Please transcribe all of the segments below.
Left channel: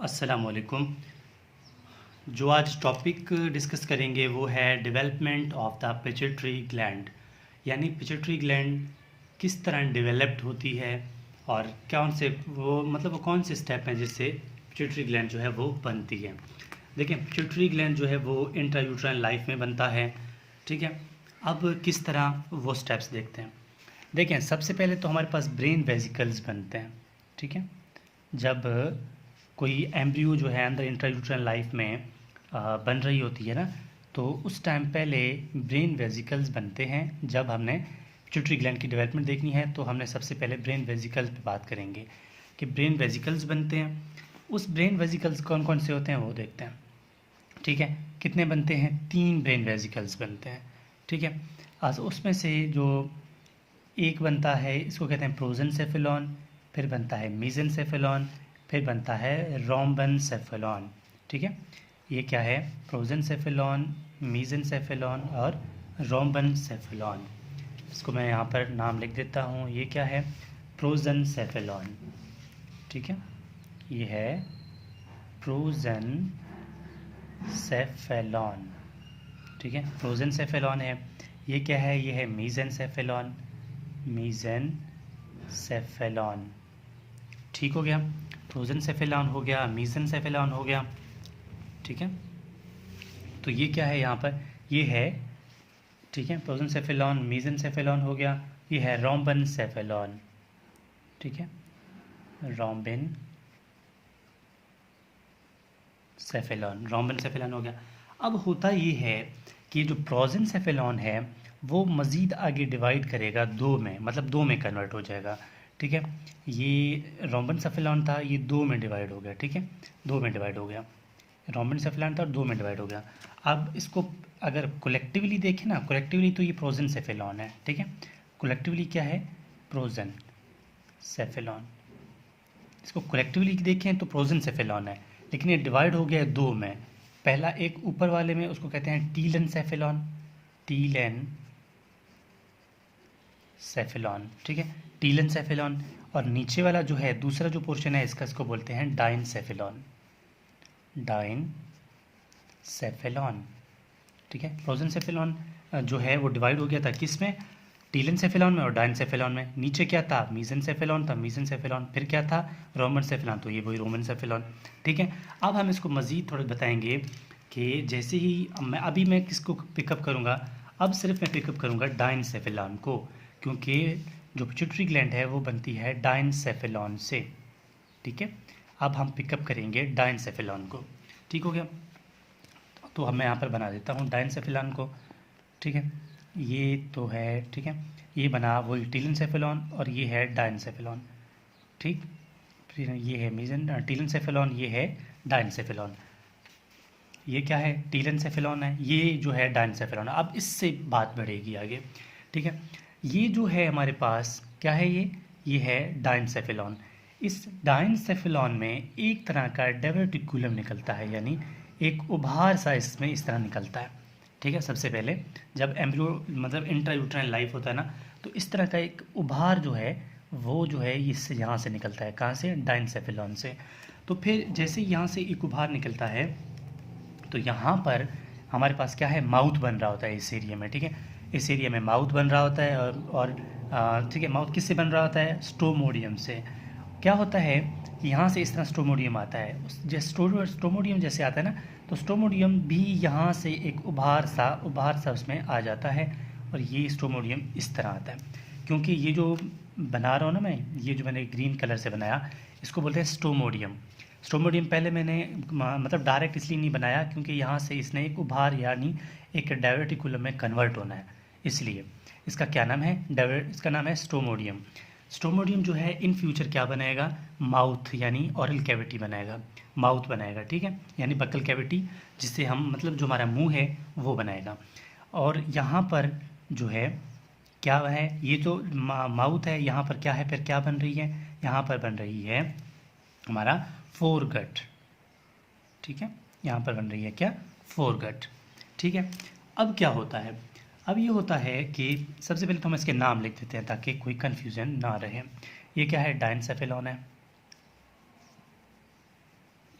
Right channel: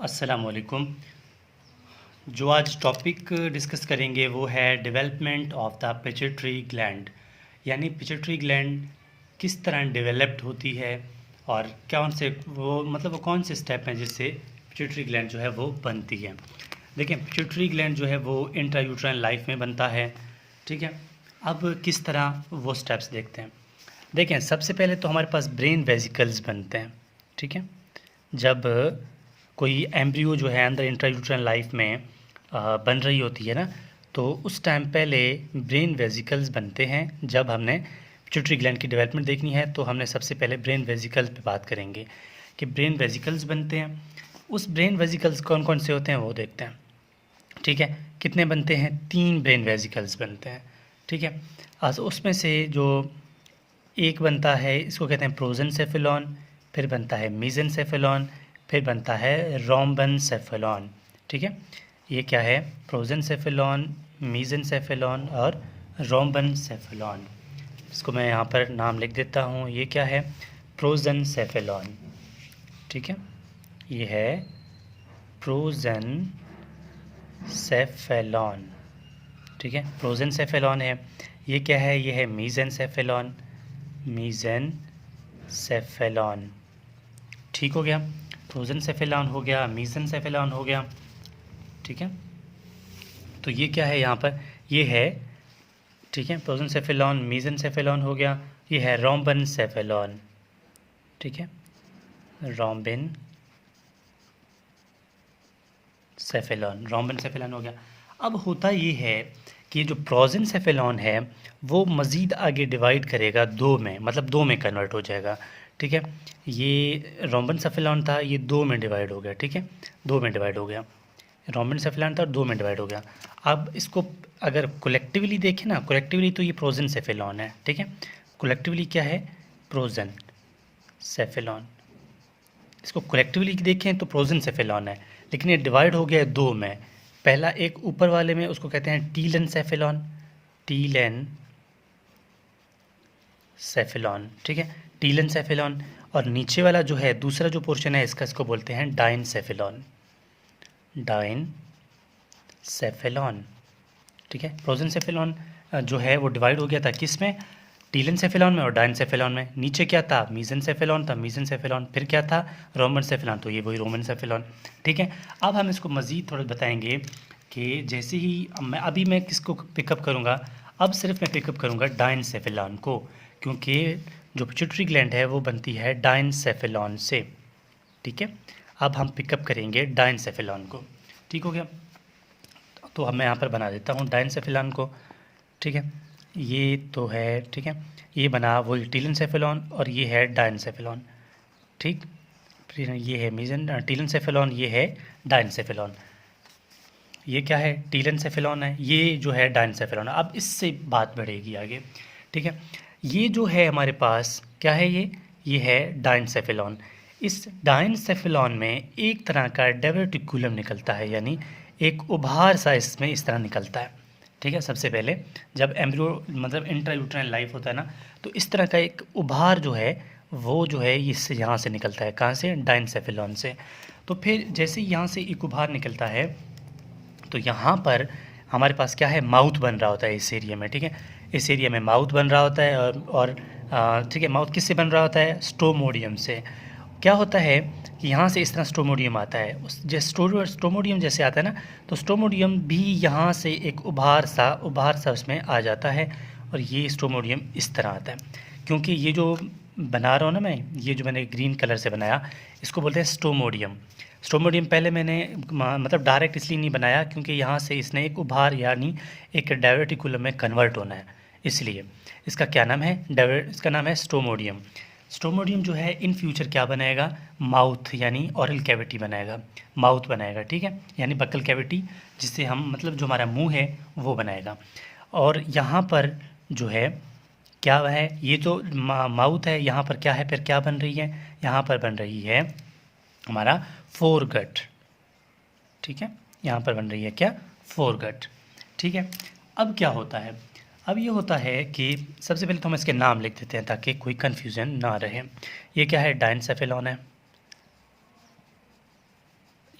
अस्सलाम वालेकुम। जो आज टॉपिक डिस्कस करेंगे वो है development of the pituitary gland, यानी पिट्यूटरी ग्लैंड किस तरह डेवलप्ड होती है और कौन से वो कौन से स्टेप हैं जिससे पिट्यूटरी ग्लैंड जो है वो बनती है। देखिए, पिट्यूटरी ग्लैंड जो है वो इंट्रायूट्राइन लाइफ में बनता है। ठीक है, अब किस तरह वो स्टेप्स देखते हैं। देखें, सबसे पहले तो हमारे पास ब्रेन वेसिकल्स बनते हैं। ठीक है, जब कोई एम्ब्रियो जो है अंदर इंट्रायूट्राइन लाइफ में बन रही होती है ना, तो उस टाइम पहले ब्रेन वेसिकल्स बनते हैं। जब हमने पिट्यूटरी ग्लैंड की डेवलपमेंट देखनी है तो हमने सबसे पहले ब्रेन वेसिकल्स पे बात करेंगे कि ब्रेन वेसिकल्स बनते हैं। उस ब्रेन वेसिकल्स कौन कौन से होते हैं वो देखते हैं। ठीक है, कितने बनते हैं? 3 ब्रेन वेसिकल्स बनते हैं। ठीक है, उसमें से जो एक बनता है इसको कहते हैं प्रोजेनसेफेलॉन, फिर बनता है मीजेनसेफेलॉन, फिर बनता है रोम्बेनसेफेलॉन। ठीक है, ये क्या है? प्रोजेनसेफेलॉन, मीजेनसेफेलॉन और रोम्बेनसेफेलॉन। इसको मैं यहाँ पर नाम लिख देता हूँ। ये क्या है? प्रोजेनसेफेलॉन। ठीक है, ये है प्रोजेनसेफेलॉन। ठीक है, प्रोजेनसेफेलॉन है। ये क्या है? ये है मीजेनसेफेलॉन, मीजेनसेफेलॉन। ठीक हो गया, प्रोजेनसेफेलॉन हो गया, मीजेनसेफेलॉन हो गया। ठीक है, तो ये क्या है यहाँ पर? ये है, ठीक है, प्रोजेनसेफेलॉन, मीजेनसेफेलॉन हो गया। ये है रोम्बेनसेफेलॉन। ठीक है, रोम्बेनसेफेलॉन हो गया। अब होता ये है कि जो प्रोजेनसेफेलॉन है वो मज़ीद आगे डिवाइड करेगा दो में, मतलब दो में कन्वर्ट हो जाएगा। ठीक है, ये रोम्बेनसेफेलॉन था, ये दो में डिवाइड हो गया। ठीक है, दो में डिवाइड हो गया। रोम्बेनसेफेलॉन था, दो में डिवाइड हो गया। अब इसको अगर कलेक्टिवली देखें ना, कलेक्टिवली तो ये प्रोजेनसेफेलॉन है। ठीक है, कलेक्टिवली क्या है? प्रोजेनसेफेलॉन। इसको कलेक्टिवली देखें तो प्रोजेनसेफेलॉन है, लेकिन ये डिवाइड हो गया है दो में। पहला एक ऊपर वाले में उसको कहते हैं टीलेनसेफेलॉन, टीलेनसेफेलॉन। ठीक है, टीलेनसेफेलॉन। और नीचे वाला जो है दूसरा जो पोर्शन है इसका, इसको बोलते हैं डाइनसेफेलॉन, डाइनसेफेलॉन। ठीक है, प्रोजेनसेफेलॉन जो है वो डिवाइड हो गया था किस में? टीलेनसेफेलॉन में और डाइनसेफेलॉन में। नीचे क्या था? मीजेनसेफेलॉन था, मीजेनसेफेलॉन। फिर क्या था? रोम्बेनसेफेलॉन, तो ये वही रोम्बेनसेफेलॉन। ठीक है, अब हम इसको मज़ीद थोड़ा बताएंगे कि जैसे ही मैं किसको पिकअप करूँगा? अब सिर्फ मैं पिकअप करूँगा डाइनसेफेलॉन को, क्योंकि जो पिट्यूटरी ग्लैंड है वो बनती है डाइनसेफेलॉन से। ठीक है, अब हम पिकअप करेंगे डाइनसेफेलॉन को। ठीक हो गया, तो अब मैं यहाँ पर बना देता हूँ डाइनसेफेलॉन को। ठीक है, ये तो है। ठीक है, ये बना वही टीलेनसेफेलॉन और ये है डाइनसेफेलॉन। ठीक, फिर ये है टीलेनसेफेलॉन, ये है डाइनसेफेलॉन। ये क्या है? टीलेनसेफेलॉन है, ये जो है डाइनसेफेलॉन है। अब इससे बात बढ़ेगी आगे। ठीक है, ये जो है हमारे पास क्या है? ये है डाइनसेफेलॉन। इस डाइनसेफेलॉन में एक तरह का डायवर्टिकुलम निकलता है, यानी एक उभार सा इसमें इस तरह निकलता है। ठीक है, सबसे पहले जब एम्ब्रियो मतलब इंट्रायूट्राइन लाइफ होता है ना, तो इस तरह का एक उभार जो है वो जो है इससे यहाँ से निकलता है। कहाँ से? डाइनसेफेलॉन से। तो फिर जैसे यहाँ से एक उभार निकलता है तो यहाँ पर हमारे पास क्या है? माउथ बन रहा होता है इस एरिया में। ठीक है, इस एरिया में माउथ बन रहा होता है और ठीक है, माउथ किससे बन रहा होता है? स्टोमोडियम से। क्या होता है कि यहाँ से इस तरह स्टोमोडियम आता है, जैसे स्टोमोडियम जैसे आता है ना, तो स्टोमोडियम भी यहाँ से एक उभार सा उसमें आ जाता है और ये स्टोमोडियम इस तरह आता है। क्योंकि ये जो बना रहा हूँ ना मैं, ये जो मैंने ग्रीन कलर से बनाया, इसको बोलते हैं स्टोमोडियम। स्टोमोडियम पहले मैंने मतलब डायरेक्ट इसलिए नहीं बनाया क्योंकि यहाँ से इसने एक उभार यानी एक डायवर्टिकुलम में कन्वर्ट होना है, इसलिए इसका क्या नाम है? इसका नाम है स्टोमोडियम। स्टोमोडियम जो है इन फ्यूचर क्या बनाएगा? माउथ यानी ऑरल कैविटी बनाएगा, माउथ बनाएगा। ठीक है, यानी बक्कल कैविटी, जिससे हम मतलब जो हमारा मुंह है वो बनाएगा। और यहाँ पर जो है क्या है? ये तो माउथ है, यहाँ पर क्या है? फिर क्या बन रही है? यहाँ पर बन रही है हमारा फोरगट। ठीक है, यहाँ पर बन रही है क्या? फोरगट। ठीक है, अब क्या होता है? अब ये होता है कि सबसे पहले तो हम इसके नाम लिख देते हैं ताकि कोई कन्फ्यूज़न ना रहे। ये क्या है? डाइनसेफेलॉन है,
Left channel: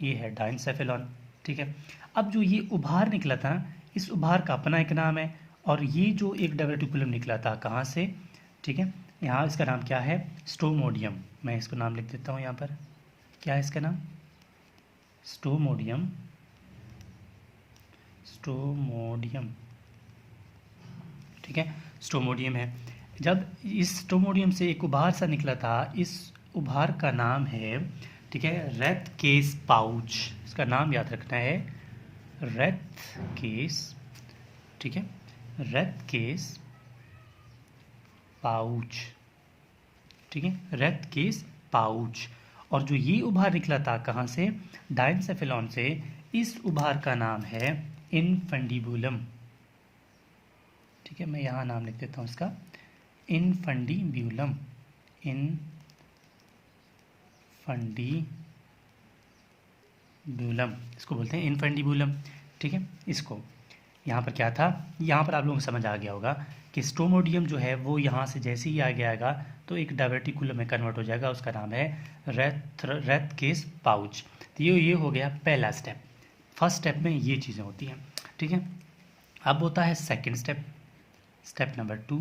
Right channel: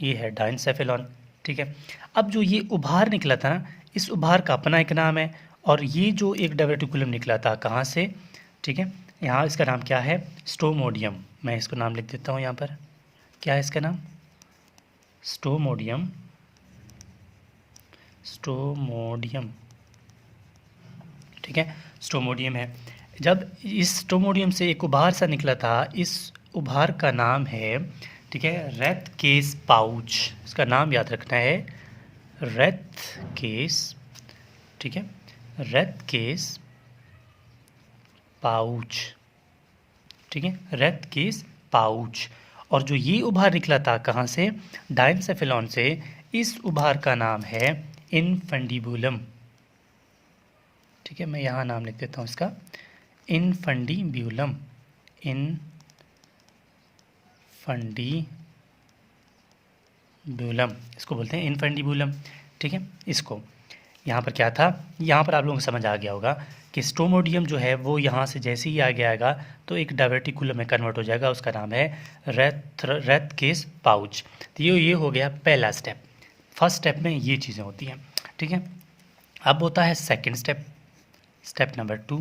ये है डायनसेफेलॉन। ठीक है, अब जो ये उभार निकला था ना, इस उभार का अपना एक नाम है, और ये जो एक डायवर्टिकुलम निकला था कहाँ से, ठीक है, यहाँ इसका नाम क्या है, स्टोमोडियम। मैं इसको नाम लिख देता हूँ यहाँ पर, क्या है इसका नाम, स्टोमोडियम। स्टोमोडियम, ठीक है, स्टोमोडियम है। जब इस स्टोमोडियम से एक उभार सा निकला था, इस उभार का नाम है, ठीक है, रेथ केस पाउच। इसका नाम याद रखना है, रेथ केस, ठीक है, रेथ केस पाउच, ठीक है, रेथ केस पाउच। और जो ये उभार निकला था कहाँ से, डायनसेफेलॉन से, इस उभार का नाम है इनफंडिबुलम। ठीक है, मैं यहाँ नाम लिख देता हूँ इसका, इनफंडिब्यूलम। इनफंडिब्यूलम इसको बोलते हैं, इनफंडिब्यूलम। ठीक है, इसको यहाँ पर क्या था, यहाँ पर आप लोगों को समझ आ गया होगा कि स्टोमोडियम जो है वो यहाँ से जैसे ही आगे आएगा तो एक डायवर्टिकुलम में कन्वर्ट हो जाएगा, उसका नाम है रेथ केस पाउच। तो ये हो गया पहला स्टेप। फर्स्ट स्टेप में ये चीज़ें होती हैं। ठीक है, अब होता है सेकंड स्टेप, स्टेप नंबर 2।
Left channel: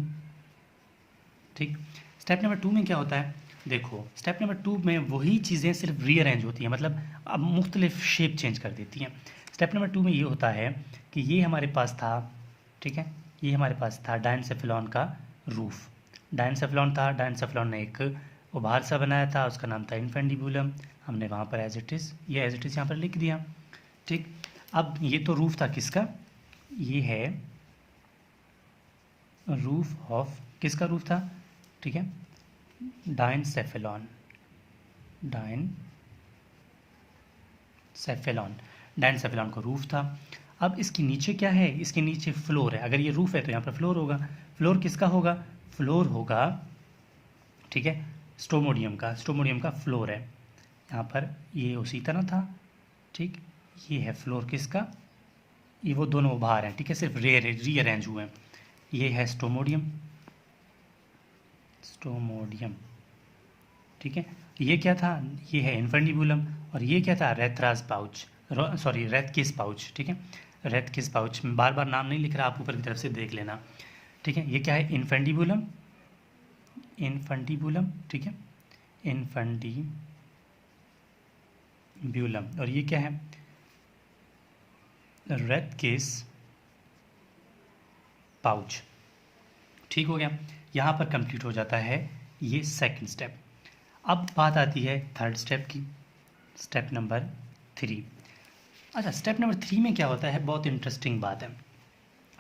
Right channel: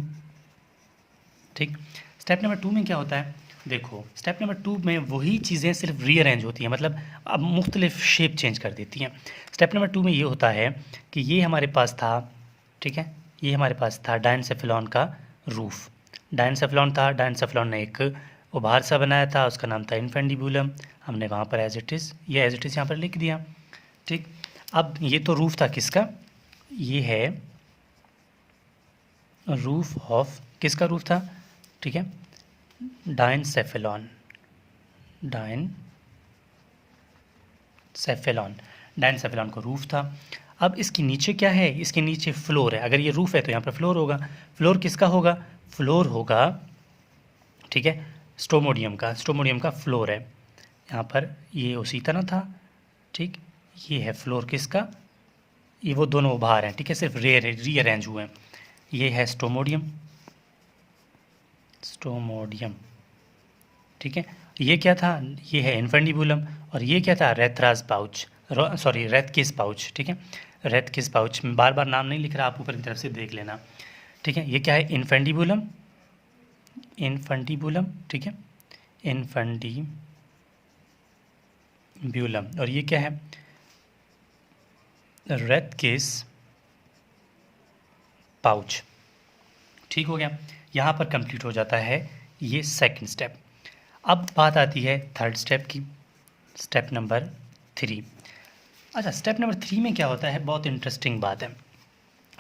ठीक, स्टेप नंबर 2 में क्या होता है, देखो स्टेप नंबर 2 में वही चीज़ें सिर्फ रीअरेंज होती हैं, मतलब अब मुख्तलिफ शेप चेंज कर देती हैं। स्टेप नंबर 2 में ये होता है कि ये हमारे पास था, ठीक है, ये हमारे पास था डायनसेफेलॉन का रूफ। डायनसेफेलॉन था, डायनसेफेलॉन ने एक उभार सा बनाया था, उसका नाम था इनफेंडिबुलम। हमने वहाँ पर एज इट इज़ यहाँ पर लिख दिया। ठीक, अब ये तो रूफ था किसका, ये है रूफ ऑफ, किसका रूफ था, ठीक है, डायनसेफेलॉन। डायनसेफेलॉन का रूफ था। अब इसके नीचे क्या है, इसके नीचे फ्लोर है। अगर ये रूफ है तो यहाँ पर फ्लोर होगा। फ्लोर किसका होगा, फ्लोर होगा, ठीक है, स्टोमोडियम का फ्लोर है। यहाँ पर ये उसी तरह था। ठीक, ये है फ्लोर किसका, ये वो दोनों उभार हैं, ठीक है, सिर्फ रीअरेंज हुए हैं। ये है स्टोमोडियम, ठीक है, ये क्या था, ये है इनफेंडिबुलम, और ये क्या था, रेथराज पाउच, सॉरी रेथ किस पाउच। ठीक है, रेथ किस पाउच, बार बार नाम नहीं लिख रहा, आप ऊपर की तरफ से देख लेना। ठीक है, ये क्या है, इनफेंडिबुलम, ठीक है, इनफेंडिब्यूलम, और ये क्या है, रेथ किस पाउच। ठीक हो गया, यहाँ पर कंप्लीट हो जाता है ये सेकंड स्टेप। अब बात आती है थर्ड स्टेप की, स्टेप नंबर 3। अच्छा, स्टेप नंबर 3 में क्या होता है, बहुत इंटरेस्टिंग बात है।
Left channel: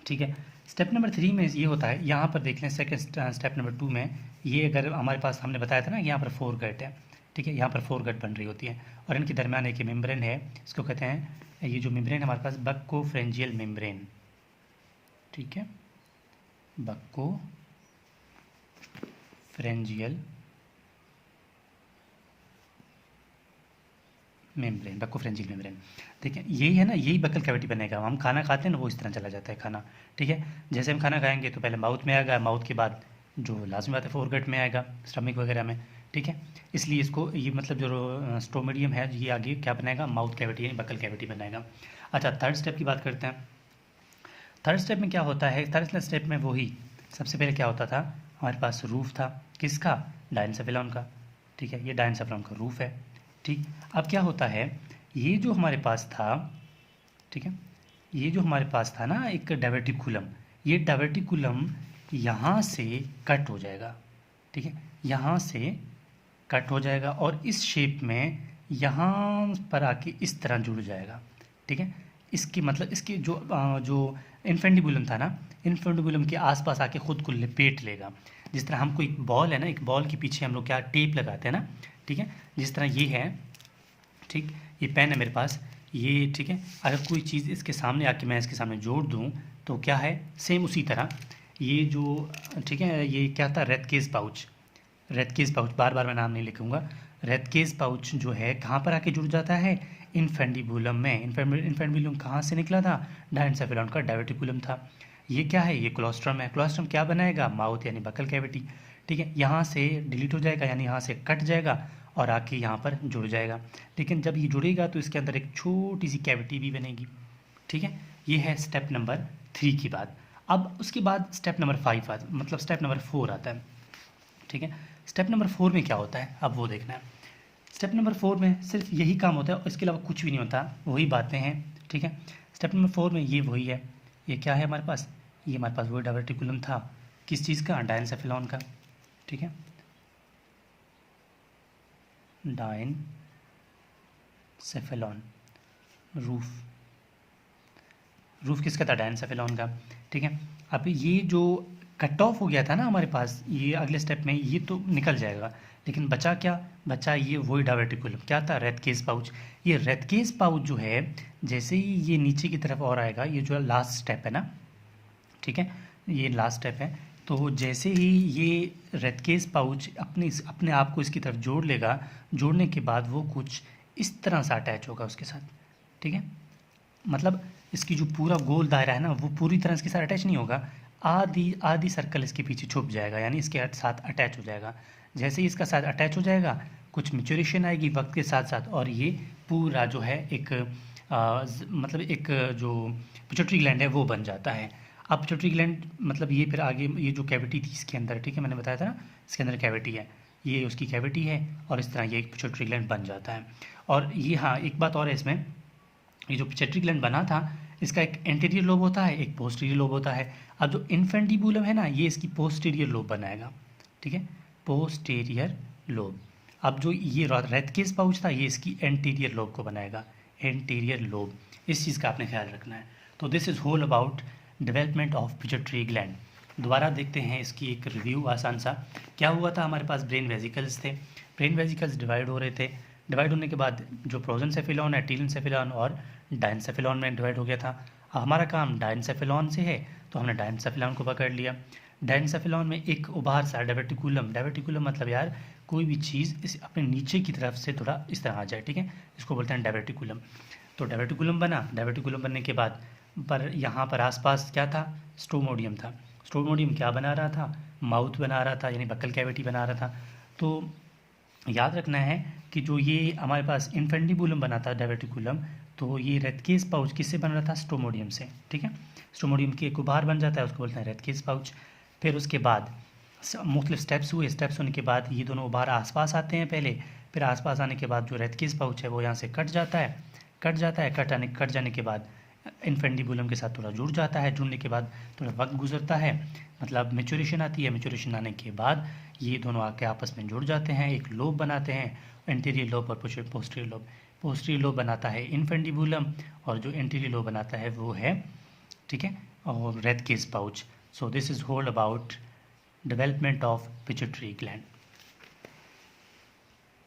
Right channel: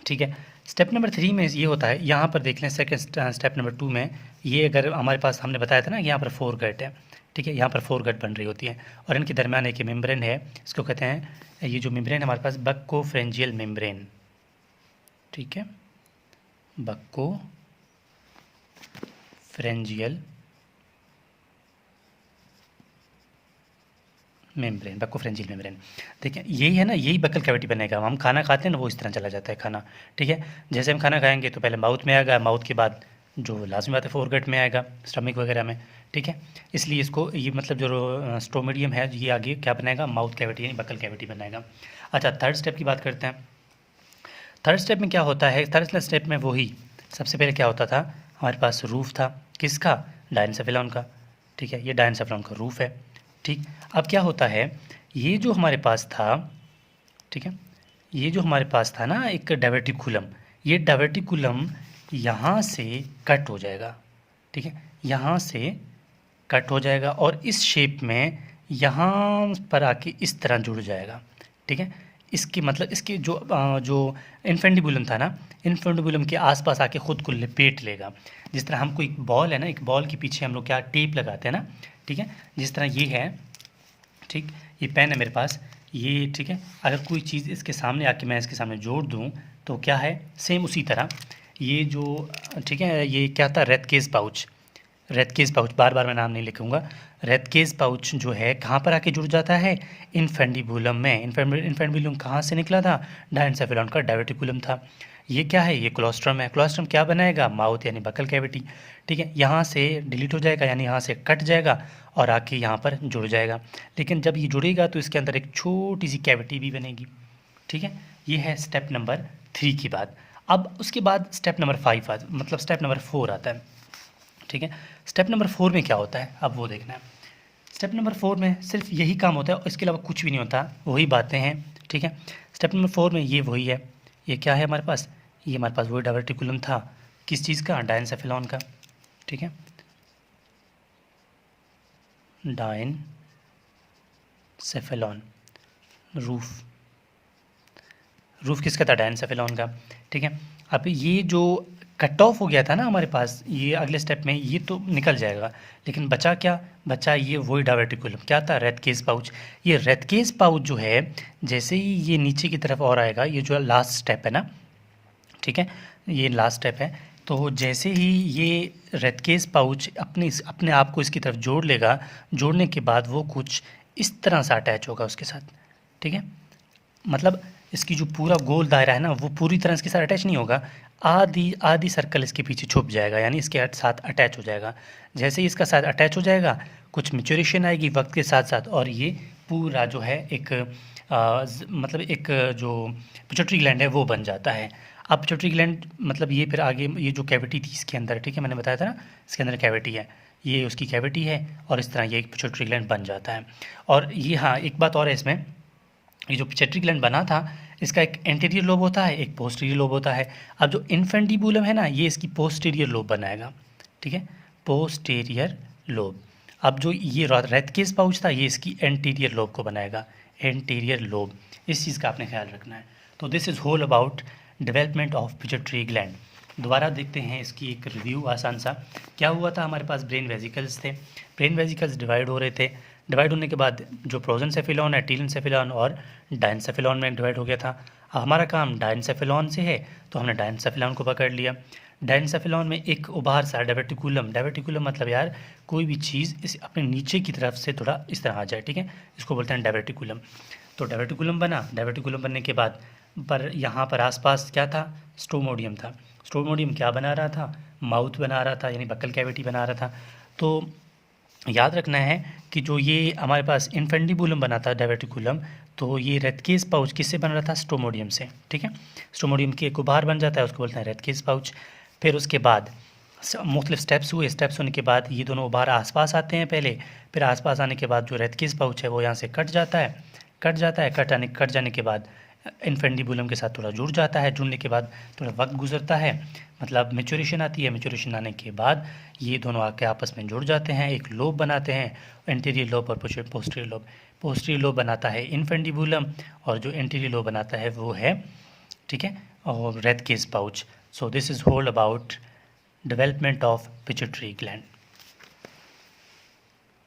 ठीक है, स्टेप नंबर 3 में ये होता है, यहाँ पर देख लें सेकंड स्टेप नंबर 2 में, ये अगर हमारे पास हमने बताया था ना, यहाँ पर 4 गट है। ठीक है, यहाँ पर 4 गट बन रही होती है, और इनके दरमियान एक मेम्ब्रेन है, इसको कहते हैं, ये जो मेम्ब्रेन हमारे पास बक्कोफ्रेंजियल मेम्ब्रेन। ठीक है, बक्कोफ्रेंजियल मेम्ब्रेन। देखिए यही है ना, यही बक्कल कैविटी बनेगा। हम खाना खाते हैं ना, वो इस तरह चला जाता है खाना। ठीक है, जैसे हम खाना खाएंगे तो पहले माउथ में आएगा, माउथ के बाद जो लाजमी बात है फोरगट में आएगा, स्टमक वगैरह में। ठीक है, इसलिए इसको ये मतलब जो स्टोमेडियम है ये आगे क्या बनाएगा, माउथ कैविटी यानी बक्कल कैविटी बनाएगा। अच्छा, थर्ड स्टेप की बात करते हैं। थर्ड स्टेप में क्या होता है, थर्ड स्टेप में वही सबसे पहले क्या होता था, हमारे पास रूफ था, किसका, डायनसेफेलॉन का। ठीक है, ये डायनसेफेलॉन का रूफ है। ठीक, अब क्या होता है, ये जो हमारे पास था, ठीक है, ये जो हमारे पास था ना एक डायवर्टिकुलम, ये डायवर्टिकुलम यहाँ से कट हो जाएगा। ठीक है, यहाँ से कट हो जाएगा, और इस शेप में यहाँ पर आके इस तरह जुड़ जाएगा। ठीक है, इसकी मतलब इसकी जो इनफेंडिबुलम था ना, इनफेंडिबुलम के आसपास आके ख़ुद को लपेट लेगा। जिस तरह हम कोई बॉल है ना, एक बॉल के पीछे हम लोग क्या टेप लगाते हैं ना, ठीक है, जिस तरह ये है, ठीक, ये पेन है मेरे पास, ये, ठीक है, अगर कोई चीज़ इसके सामने आके मैं इसके सामने जोड़ दूँ तो क्या है, सेम उसी तरह ये जो, ठीक है, ये क्या था, रेथ केस पाउच, बार बार मैं नाम नहीं लिखूँगा। रेथ केस पाउच जो है कहाँ पर आके जुड़ जाता है, इनफेंडिबुलम में। इनफेंडिबुलम कहाँ से निकला था, डायनसेफेलॉन का डायवर्टिकुलम था। ये क्या है, ये क्लोस्ट्रम है। क्लोस्ट्रम क्या बनाएगा, माउथ यानी बकल कैविटी। ठीक है, यहाँ से डिलीट हो जाएगा, यानी यहाँ से कट जाएगा, और आके यहाँ पर जुड़ जाएगा। लेकिन जब ये जुड़ेगा तो इसके अंदर एक छोटी सी कैविटी भी बनेगी, ठीक है। ये है स्टेप नंबर 3 की बात। अब उसके बाद स्टेप नंबर 5 मतलब स्टेप नंबर 4 आता है, ठीक है। स्टेप नंबर 4 में क्या होता है अब वो देखना है। स्टेप नंबर 4 में सिर्फ यही काम होता है, इसके अलावा कुछ भी नहीं होता, वही बातें हैं, ठीक है। स्टेप नंबर 4 में ये वही है, ये क्या है हमारे पास, ये हमारे पास वही डायवर्टिकुलम था, किस चीज़ का, डायनसेफेलॉन का, ठीक है। डायनसेफेलॉन, रूफ किसका था, डायनसेफेलॉन का, ठीक है। अब ये जो कट ऑफ हो गया था ना हमारे पास, ये अगले स्टेप में ये तो निकल जाएगा, लेकिन बचा क्या, बचा ये वही डायवर्टिकुलम, क्या था, रेथकेस पाउच। ये रेथकेस पाउच जो है जैसे ही ये नीचे की तरफ और आएगा, ये जो लास्ट स्टेप है ना, ठीक है, ये लास्ट स्टेप है, तो जैसे ही ये रेथकेस पाउच अपने आप को इसकी तरफ जोड़ लेगा, जोड़ने के बाद वो कुछ इस तरह से अटैच होगा उसके साथ, ठीक है। मतलब इसकी जो पूरा गोल दायरा है ना वो पूरी तरह इसके साथ अटैच नहीं होगा, आधी आधी सर्कल इसके पीछे छुप जाएगा, यानी इसके साथ अटैच हो जाएगा। जैसे ही इसका साथ अटैच हो जाएगा, कुछ मैच्योरेशन आएगी वक्त के साथ साथ, और ये पूरा जो है एक मतलब एक जो पिट्यूटरी ग्लैंड है वो बन जाता है। अब पिट्यूटरी ग्लैंड मतलब ये फिर आगे ये जो कैविटी थी इसके अंदर, ठीक है, मैंने बताया था ना इसके अंदर कैविटी है, ये उसकी कैविटी है, और इस तरह ये एक पिट्यूटरी ग्लैंड बन जाता है। और ये हाँ एक बात और है इसमें, ये जो पिट्यूटरी ग्लैंड बना था इसका एक एंटीरियर लोब होता है, एक पोस्टीरियर लोब होता है। अब जो इन्फेंडिबुलम है ना, ये इसकी पोस्टीरियर लोब बनाएगा, ठीक है, पोस्टीरियर लोब। अब जो ये रेथकेस पाउच था ये इसकी एंटीरियर लोब को बनाएगा, एंटीरियर लोब। इस चीज़ का आपने ख्याल रखना है। तो this is whole about development of pituitary gland. दोबारा देखते हैं इसकी एक रिव्यू आसान सा। क्या हुआ था, हमारे पास ब्रेन वेजिकल्स थे, ब्रेन वेजिकल्स डिवाइड हो रहे थे, डिवाइड होने के बाद जो प्रोजेंसेफेलॉन है, टीलेंसेफेलॉन और डायनसेफेलॉन में डिवाइड हो गया था। अब हमारा काम डायनसेफेलॉन से है तो हमने डायनसेफेलॉन को पकड़ लिया। डायनसेफेलॉन में एक उभार सा डायवर्टिकुलम, डायवर्टिकुलम मतलब यार कोई भी चीज़ इस अपने नीचे की तरफ से थोड़ा इस तरह आ जाए, ठीक है, इसको बोलते हैं डायवर्टिकुलम। तो डायवर्टिकुलम बना, डायवर्टिकुलम बनने के बाद पर यहाँ पर आसपास क्या था, स्टोमोडियम था। स्टोमोडियम क्या बना रहा था, माउथ बना रहा था, यानी बक्कल कैविटी बना रहा था। तो याद रखना है कि जो ये हमारे पास इन्फेंडिबुलम बना था डायवर्टिकुलम, तो ये रेथकेस पाउच किससे बन रहा था, स्टोमोडियम से, ठीक है। स्टोमोडियम की एक उभार बन जाता है, उसको बोलते हैं रेथकेस पाउच। फिर उसके बाद मुख्तलिफ स्टेप्स हुए, स्टेप्स होने के बाद ये दोनों उभार आसपास आते हैं पहले, फिर आसपास आने के बाद जो रेथकेस पाउच है वो यहाँ से कट जाता है, कट जाने के बाद इन्फेंडिबुलम के साथ थोड़ा जुड़ जाता है, जुड़ने के बाद थोड़ा वक्त गुजरता है, मतलब मेच्योरेशन आती है, मेच्योरेशन आने के बाद ये दोनों आके आपस में जुड़ जाते हैं, एक लोब बनाते हैं, एंटीरियर लोब और पोस्टीरियर लोब। पोस्टीरियर लोब बनाता है इन्फेंडिबुलम, और जो एंटीरियर लोब बनाता है वो है, ठीक है, और Rathke's pouch. So this is whole about development of pituitary gland.